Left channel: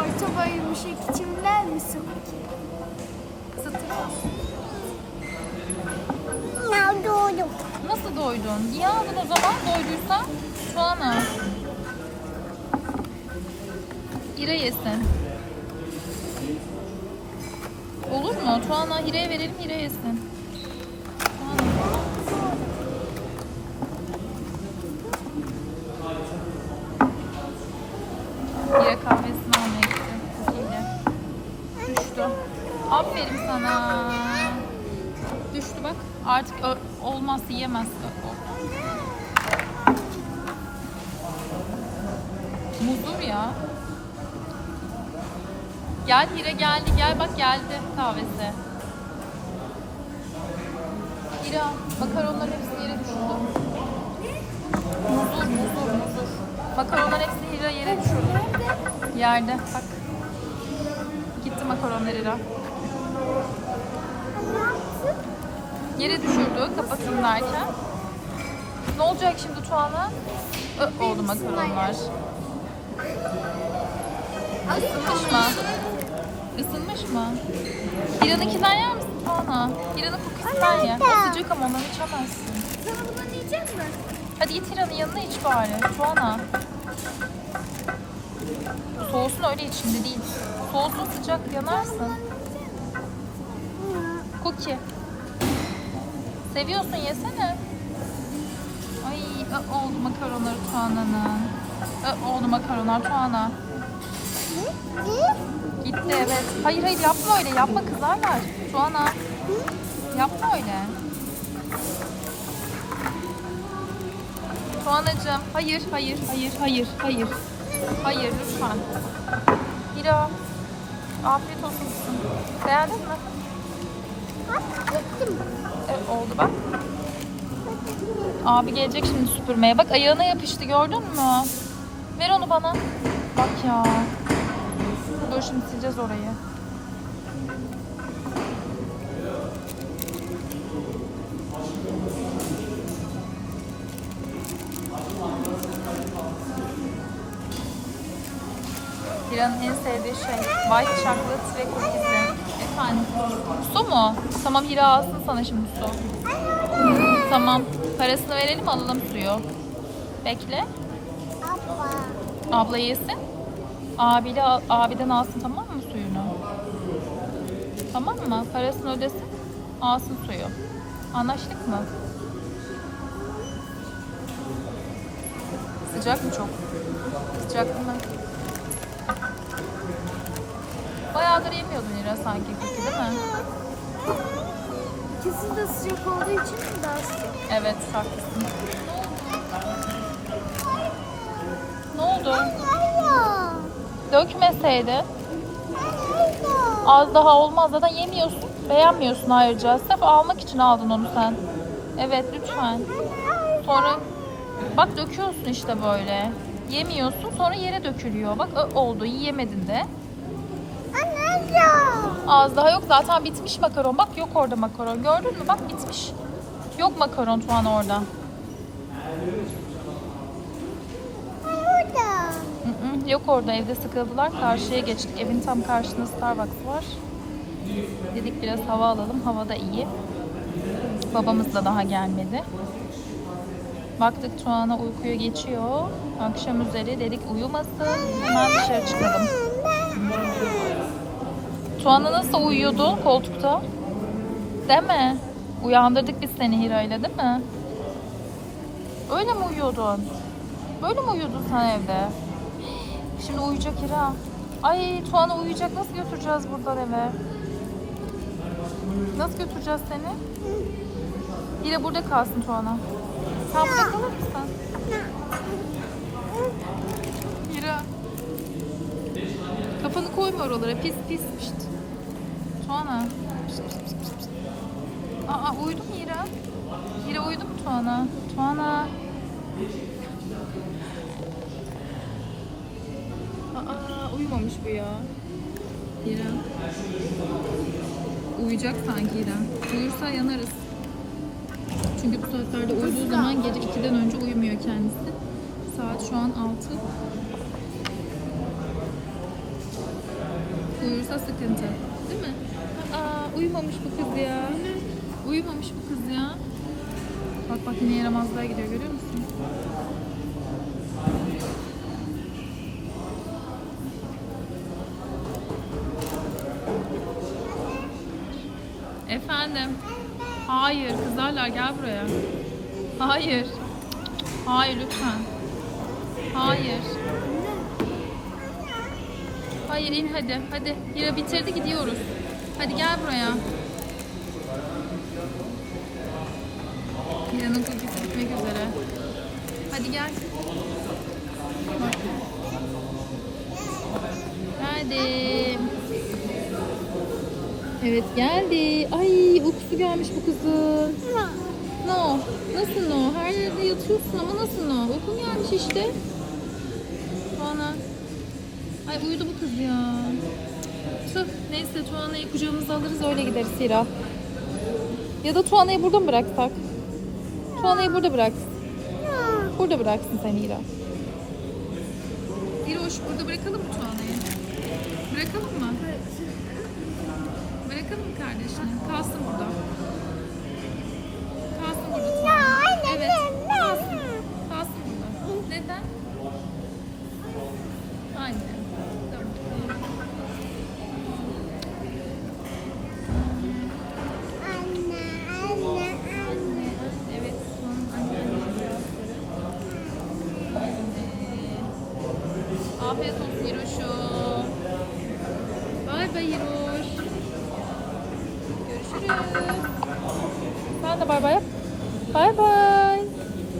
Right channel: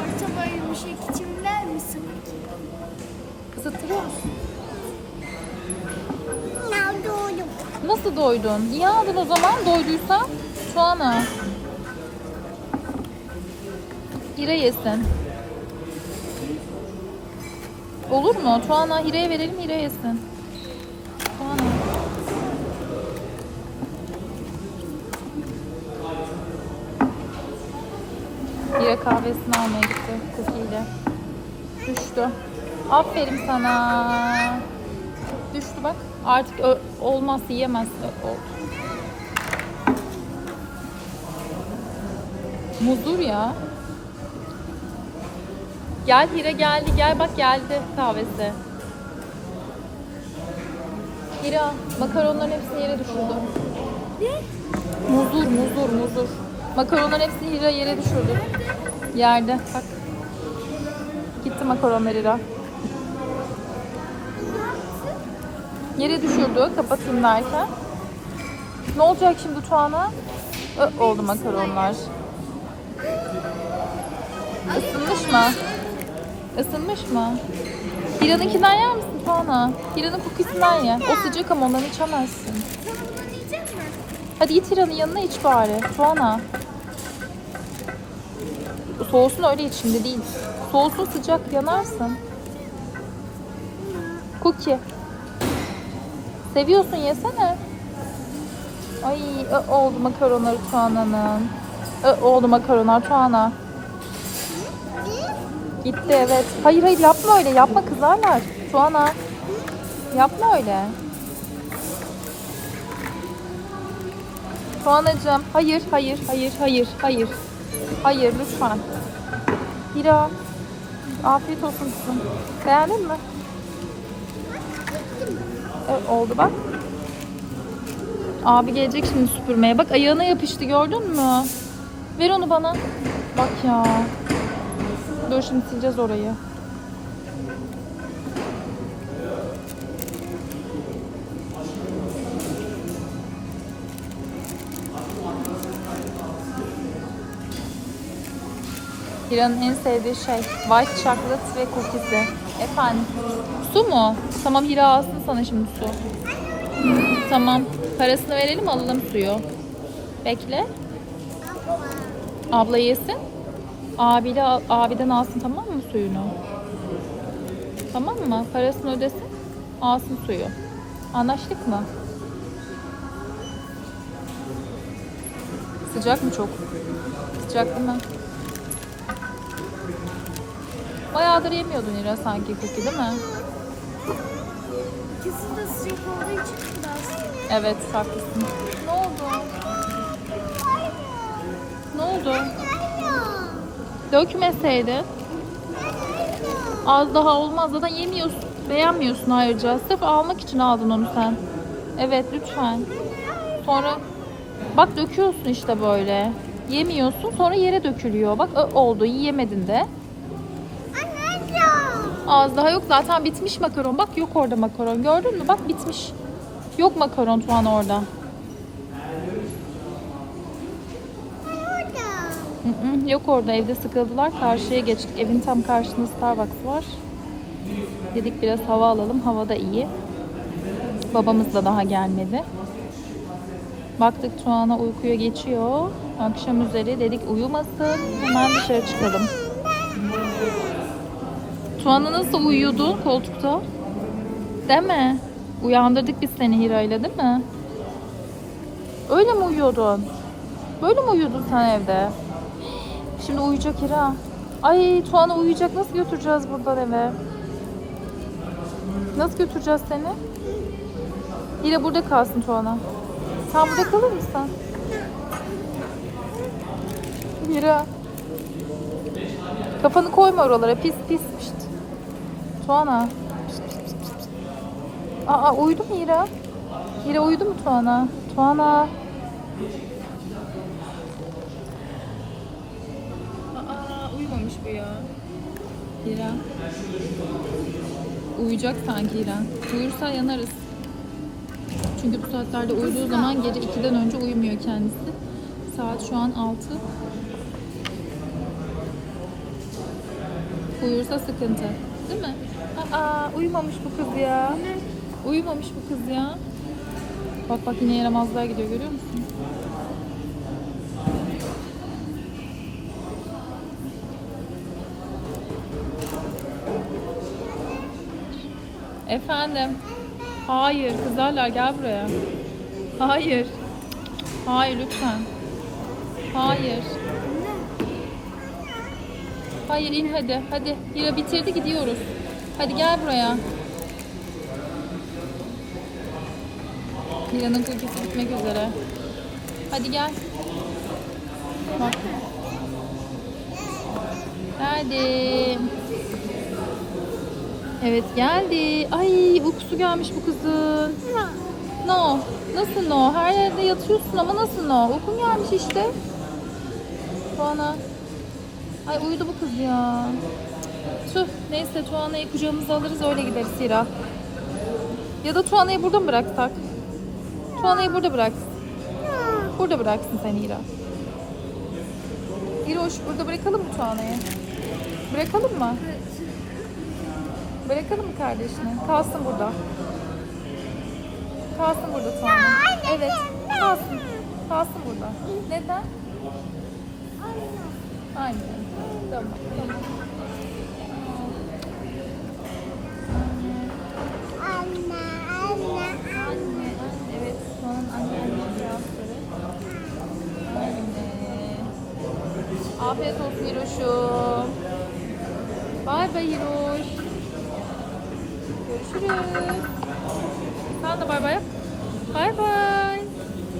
Orta boymuş içimler misin? Isıtılıyor musun? Ya doğru. Nasıl doydun? İyi aldın o zaman doyduysan. Sonra. Hire yesin. Olur mu? Tuana Hire'ye verelim Hire yesin. Yiyemez. Muzur ya. Gel Hira geldi. Gel bak geldi kahvesi. Hira makaronların hepsini yere düşürdü. Muzur muzur muzur. Makaronların hepsini Hira yere düşürdü. Nerede? Yerde. Gitti makaronlar Hira. Yere düşürdü kapatın derken. Ne olacak şimdi Tuana? Ö, oldu makaronlar. Isınmış mı? Isınmış mı? Hira'nınkinden yer misin Tuana? İkisinden Anne, ye. orada. O sıcak ama onu içemezsin. Sana bunu yiyecek mi? Hadi git Hira'nın yanına iç bari. Tuana. Soğusun öyle iç şimdi değil. Soğusun sıcak yanarsın. Cookie. Seviyorsun yesene. Ay ö, oldu makarona Tuana'nın. Ö, oldu makarona Tuana. Bitti evet. Hayır hayır yapma öyle yapma kızarlar. Tuana. Yapma öyle. Tuanacığım hayır hayır hayır hayır hayır. Hayır lütfen. Hira. Afiyet olsun. Beğendin mi? Oldu bak. Abi gelecek şimdi süpürmeye. Bak ayağına yapıştı gördün mü? Ver onu bana. Bak ya. Dur şimdi sileceğiz orayı. Hira'nın en sevdiği şey white chocolate ve cookies. Efendim? Su mu? Tamam Hira alsın sana şimdi su. Tamam. Parasını verelim alalım suyu. Bekle. Abla. Abla yesin. Abili, abiden alsın tamam mı suyunu? Tamam mı? Parasını ödesin. Alsın suyu. Anlaştık mı? Sıcak mı çok? Sıcak mı? Olduğu için mi daha sıcak? Evet haklısın. Ne oldu? Dökmeseydi. Az daha olmaz. Zaten yemiyorsun. Beğenmiyorsun ayrıca. Sırf almak için aldın onu sen. Evet lütfen. Sonra bak döküyorsun işte böyle. Yemiyorsun sonra yere dökülüyor. Bak oldu yiyemedin de. Az daha yok zaten bitmiş makaron. Bak yok orada makaron. Gördün mü? Bak bitmiş. Yok makaron şu an orada. Hı hı, Yok orada evde sıkıldılar. Karşıya geçtik. Evin tam karşısında Starbucks var. Dedik biraz hava alalım. Hava da iyi. Babamız da daha gelmedi. Baktık Tuana uykuya geçiyor. Akşam üzeri dedik uyumasın. Hemen dışarı çıkalım. Nasıl uyuyordu koltukta? Değil mi? Uyandırdık biz seni Hira'yla değil mi? Öyle mi uyuyordun? Böyle mi uyudun sen evde? Şimdi uyuyacak Hira. Ay Tuana uyuyacak. Nasıl götüreceğiz buradan eve? Nasıl götüreceğiz seni? Hira burada kalsın Tuana. Sen burada kalır mısın? Hira. Kafanı koyma oralara. Pis pis. Tuana. Aa uyudu mu Hira? Hira uyudu mu Tuana? Tuana. Aa uyumamış bu ya. Hira. Uyuyacak sanki Hira. Uyursa yanarız. Çünkü bu saatlerde uyuduğu zaman gece 2'den önce uyumuyor kendisi. Saat şu an 6. uyursa sıkıntı. Aa uyumamış bu kız ya. Uyumamış bu kız ya. Bak bak yine yaramazlığa gidiyor görüyor musun? Efendim. Hayır kızarlar gel buraya. Hayır. Hayır lütfen. Hayır. Hayır in hadi. Hadi. Ya bitirdi gidiyoruz. Hadi gel buraya. Mira'nın kokusu gitmek üzere. Hadi gel. Bak. Geldim. Evet geldi. Ay uykusu gelmiş bu kızın. No. Nasıl no? Her yerde yatıyorsun ama nasıl no? Uykun gelmiş işte. Tuana. Ay uyudu bu kız ya. Neyse Tuana'yı kucağımıza alırız öyle gideriz Hira. Ya da Tuana'yı burada mı bıraksak? Tuana'yı burada bıraksın. Burada bıraksın sen Hira. Hiroş burada bırakalım mı Tuana'yı? Bırakalım mı? Bırakalım mı kardeşini? Kalsın burada. Kalsın burada Tuana. Evet. Kalsın. Kalsın burada. Neden? Afiyet olsun Hiroş'um. Bay bay Hiroş. Görüşürüz. Sen de bay bay yap.